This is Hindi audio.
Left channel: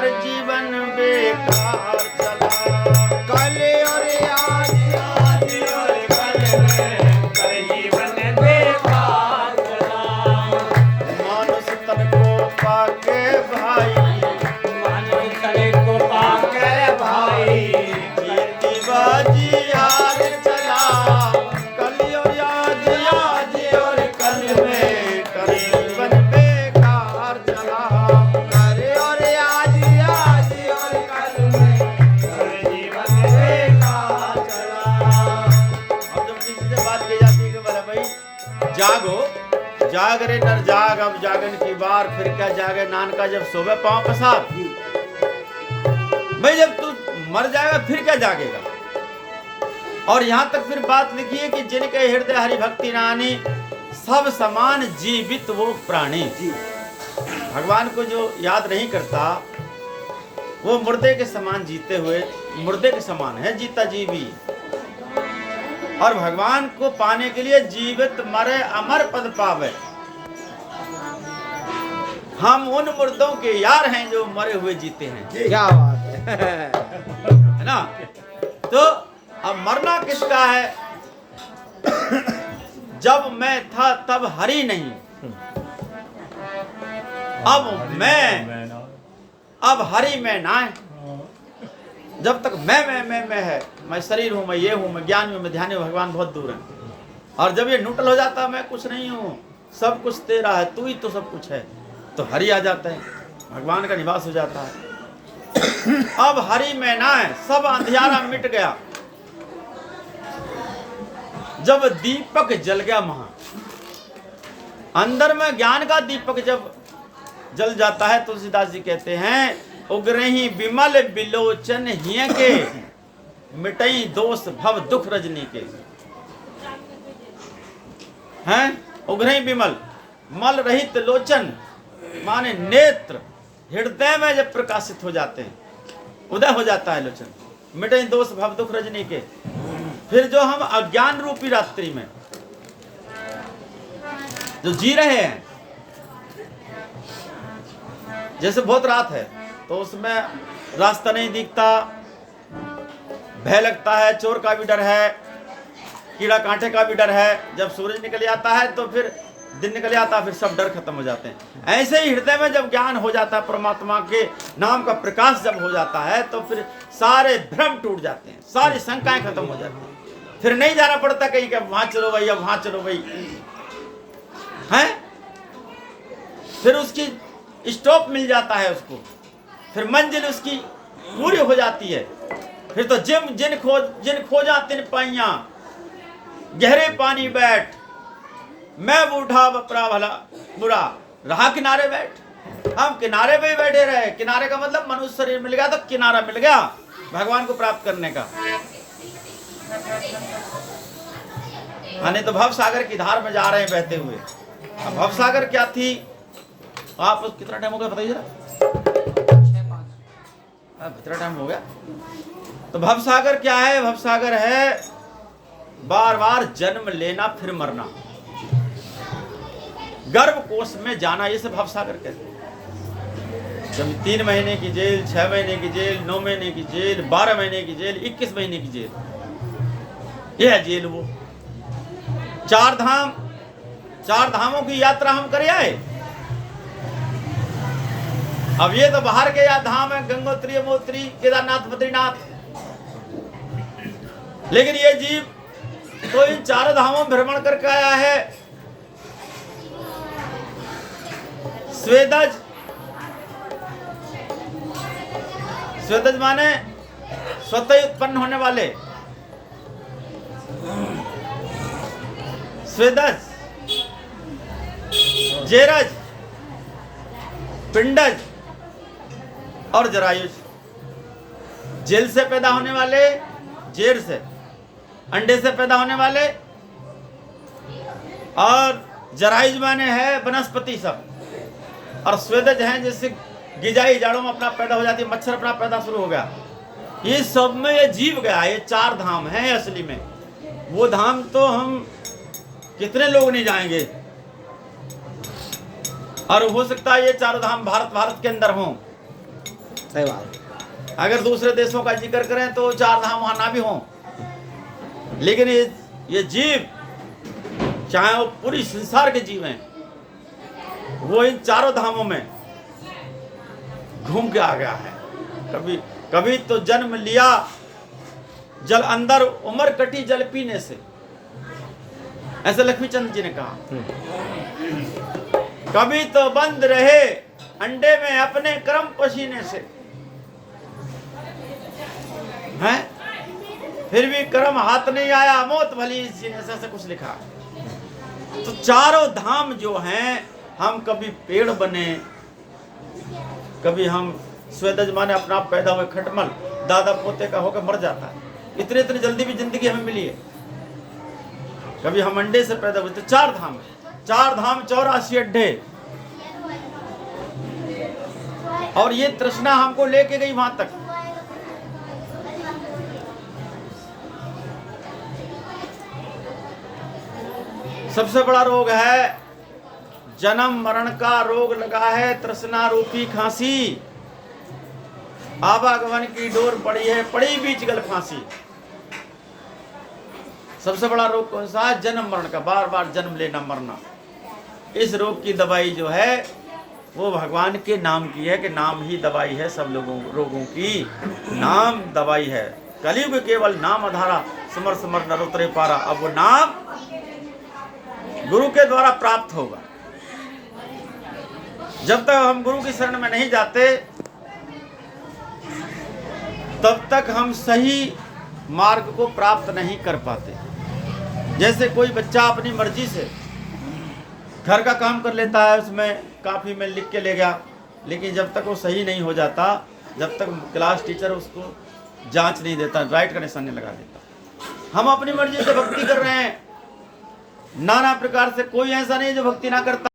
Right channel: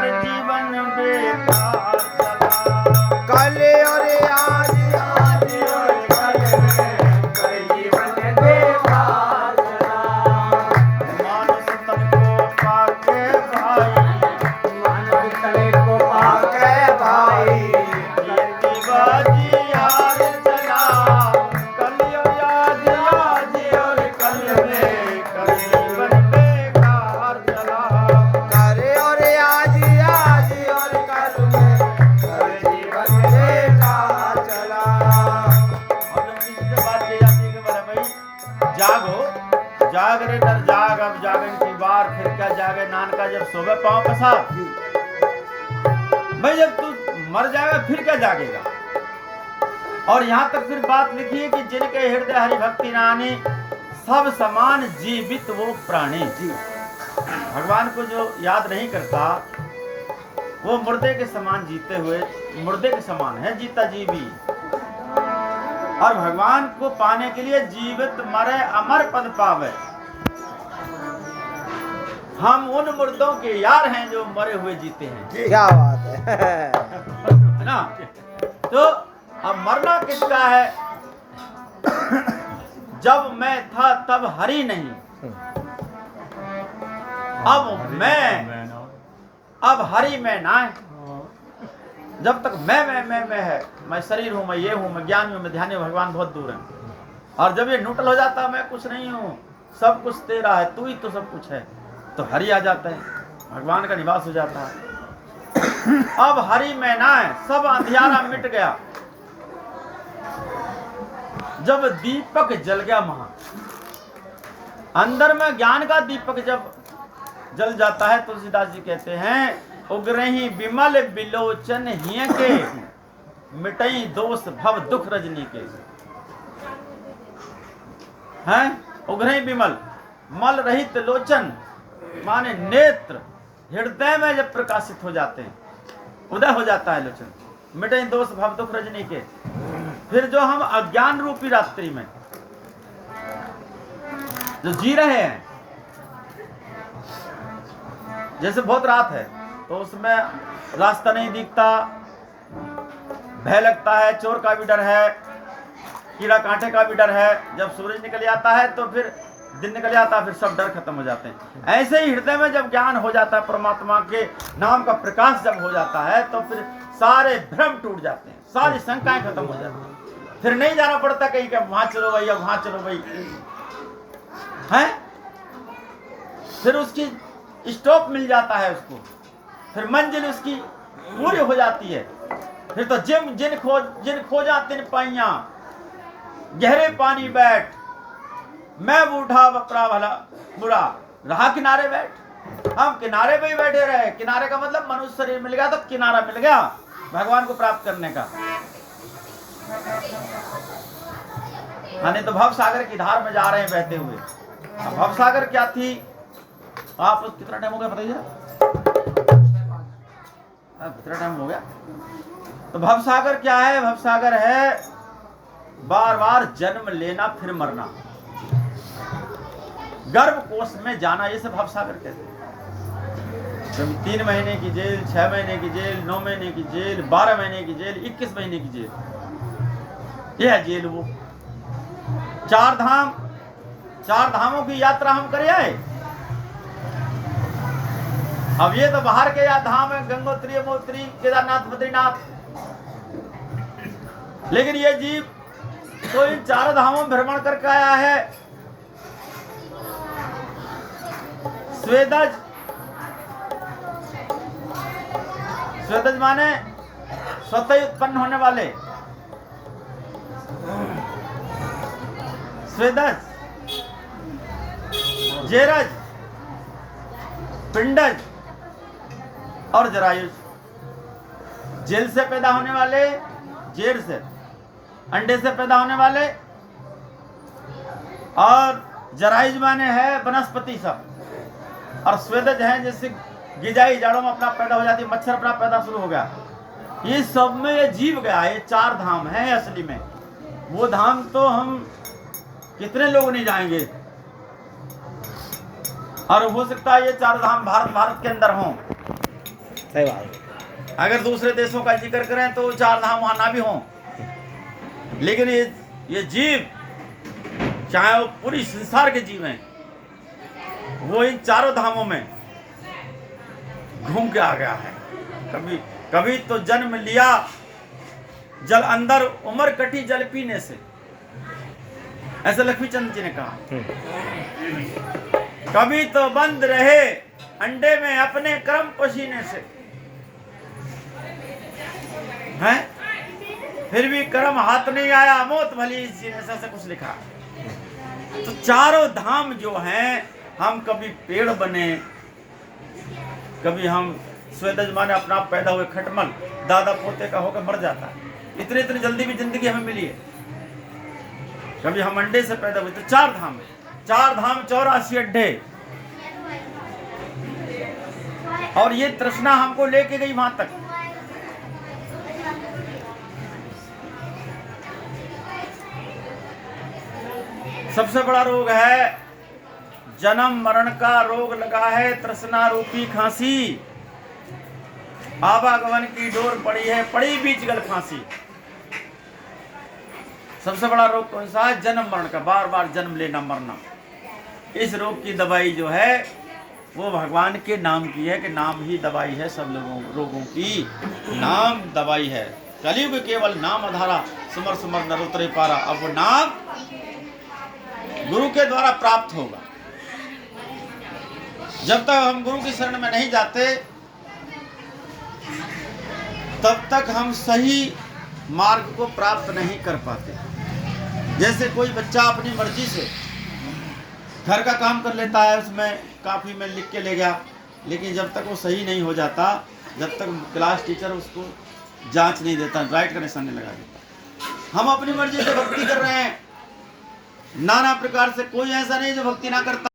यार जीवन बेकार चला। कल और आज, आज और कल में कर जीवन बेकार चला। मानुष तन को पाके भाई, मानुष तन को पाके भाई, कीर्तिबाजी यार चला। कल और आज, आज और कल में कर जीवन बेकार चला। करे और आज, आज और कल में कर जीवन बेकार चला। अब जब किसी से बात की जाती है कि बोले भाई जागो, जाग रे नर जाग, अब जागन की बार, फिर क्या जागे नानका जब सोवे पांव पसार। भाई जब तू मर जाएगा फिर क्या जागेगा। और यहाँ तक फिर बात लिखी है कि जिनके हृदय हरि भक्ति नानी, सब समान जीवित वो प्राणी। भगवान को जो याद नहीं करता वो मुर्दे के समान जीते हुए, मुर्दे के समान है जीता जीवी। और भगवान को पाने के लिए जीवित मरे अमर पद पावे। हम उन मुर्दों के यार हैं जो मरे हुए जीते हैं, क्या बात है। है ना। तो अब मरना किसका है? जब मैं था तब हरि नहीं, अब हरि में ना है। जब तक मैं है, मैं शरीर हूं, मैं ये हूं, मैं ज्ञान हूं, मैं ध्यान हूं, भगवान बहुत दूर है। और जब ये न्यूट्रल हो जाता है, मैं कुछ नहीं हूं, सब कुछ तेरा है, तू ही तो सब कुछ है, तो हरि आ जाता है, भगवान का निवास हो जाता है। अब हरि में ना है, सब अंधियारा मिट गया। जब दीपक जल गया महा, अंदर में ज्ञान का दीपक जब जल जाता है, तुलसीदास जी कहते हैं उग्रही विमल बिलोचन हिय के, मिटई दोष भव दुख रजनी के। हैं उग्रही विमल, मल रहित लोचन माने नेत्र, हृदय में जब प्रकाशित हो जाते हैं, उदय हो जाता है लोचन, मिटई दोष भव दुख रजनी के। फिर जो हम अज्ञान रूपी रात्रि में जो जी रहे हैं, जैसे बहुत रात है तो उसमें रास्ता नहीं दिखता, भय लगता है, चोर का भी डर है, कीड़ा कांटे का भी डर है। जब सूरज निकल जाता है तो फिर दिन निकल जाता है, फिर सब डर खत्म हो जाते हैं। ऐसे ही हृदय में जब ज्ञान हो जाता है, परमात्मा के नाम का प्रकाश जब हो जाता है, तो फिर सारे भ्रम टूट जाते हैं, सारी शंकाएं खत्म हो जाती हैं। फिर नहीं जाना पड़ता कहीं कि वहां चलो भाई, अब वहां चलो भाई, है। फिर उसकी स्टॉप मिल जाता है उसको, फिर मंजिल उसकी पूरी हो जाती है। फिर तो जिन खोजा तिन पाइया, गहरे पानी बैठ, मैं बूढ़ा बपरा भला बुरा, रहा किनारे बैठ। हम किनारे पे ही बैठे रहे। किनारे का मतलब मनुष्य शरीर मिल गया तो किनारा मिल गया भगवान को प्राप्त करने का। यानी तो भव सागर की धार में जा रहे हैं बहते हुए। अब भव सागर क्या थी? आप कितना टाइम हो गया बताइए जरा। कितना टाइम हो गया? तो भव सागर क्या है? भव सागर है बार बार जन्म लेना फिर मरना, गर्भ कोष में जाना, ये सब भव सागर कहते हैं। कभी 3 महीने की जेल, 6 महीने की जेल, 9 महीने की जेल, 12 महीने की जेल, 21 महीने की जेल, ये है जेल। वो 4 धामों की यात्रा हम करे आए। अब ये तो बाहर के धाम है, गंगोत्री, यमुनोत्री, केदारनाथ, बद्रीनाथ, लेकिन ये जीव तो इन 4 धामों में भ्रमण करके आया है। स्वेदज, स्वेदज माने स्वतः उत्पन्न होने वाले, स्वेदज, जेरज, पिंडज और जरायुज। जेल से पैदा होने वाले, जेर से, अंडे से पैदा होने वाले, और जरायुज माने है वनस्पति सब, और स्वेदज हैं जैसे गिजाई जड़ों में अपना पैदा हो जाती है, मच्छर अपना पैदा शुरू हो गया। ये सब में ये जीव गया। ये 4 धाम हैं असली में। वो धाम तो हम कितने लोग नहीं जाएंगे, और हो सकता है ये 4 धाम भारत के अंदर हों। सही बात है। अगर दूसरे देशों का जिक्र करें तो 4 धाम वहाँ ना भी हों, लेकिन ये जीव, चाहे वो पूरी संसार के जीव हैं, वो इन 4 धामों में घूम के आ गया है। कभी तो जन्म लिया जल अंदर, उम्र कटी जल पीने से, ऐसा लक्ष्मीचंद जी ने कहा। कभी तो बंद रहे अंडे में अपने कर्म पसीने से, हैं? फिर भी कर्म हाथ नहीं आया, मौत भली इस जीने से, ऐसा कुछ लिखा। तो 4 धाम जो हैं, हम कभी पेड़ बने, कभी हम स्वेदज माने अपना आप पैदा हुए खटमल, दादा पोते का होकर मर जाता है। इतनी जल्दी भी जिंदगी हमें मिली है। कभी हम अंडे से पैदा हुए। तो 4 धाम है, 4 धाम 84 अड्डे, और ये तृष्णा हमको लेके गई वहां तक। सबसे बड़ा रोग है जन्म मरण का रोग लगा है, तृष्णा रूपी खांसी। आवागमन की डोर पड़ी है, पड़ी बीच गल फांसी। सबसे बड़ा रोग कौन सा है? जन्म मरण का, बार बार जन्म लेना मरना। इस रोग की दवाई जो है वो भगवान के नाम की है, कि नाम ही दवाई है सब रोगों की, नाम दवाई है। कलयुग केवल नाम आधारा, समर समर नर उतरे पारा। अब वो नाम गुरु के द्वारा प्राप्त होगा। जब तक हम गुरु की शरण में नहीं जाते, तब तक हम सही मार्ग को प्राप्त नहीं कर पाते। जैसे कोई बच्चा अपनी मर्जी से घर का काम कर लेता है, उसमें काफी में लिख के ले गया, लेकिन जब तक वो सही नहीं हो जाता, जब तक क्लास टीचर उसको जांच नहीं देता, राइट का निशान नहीं लगा देता। हम अपनी मर्जी से भक्ति कर रहे हैं, नाना प्रकार से, कोई ऐसा नहीं जो भक्ति ना करता।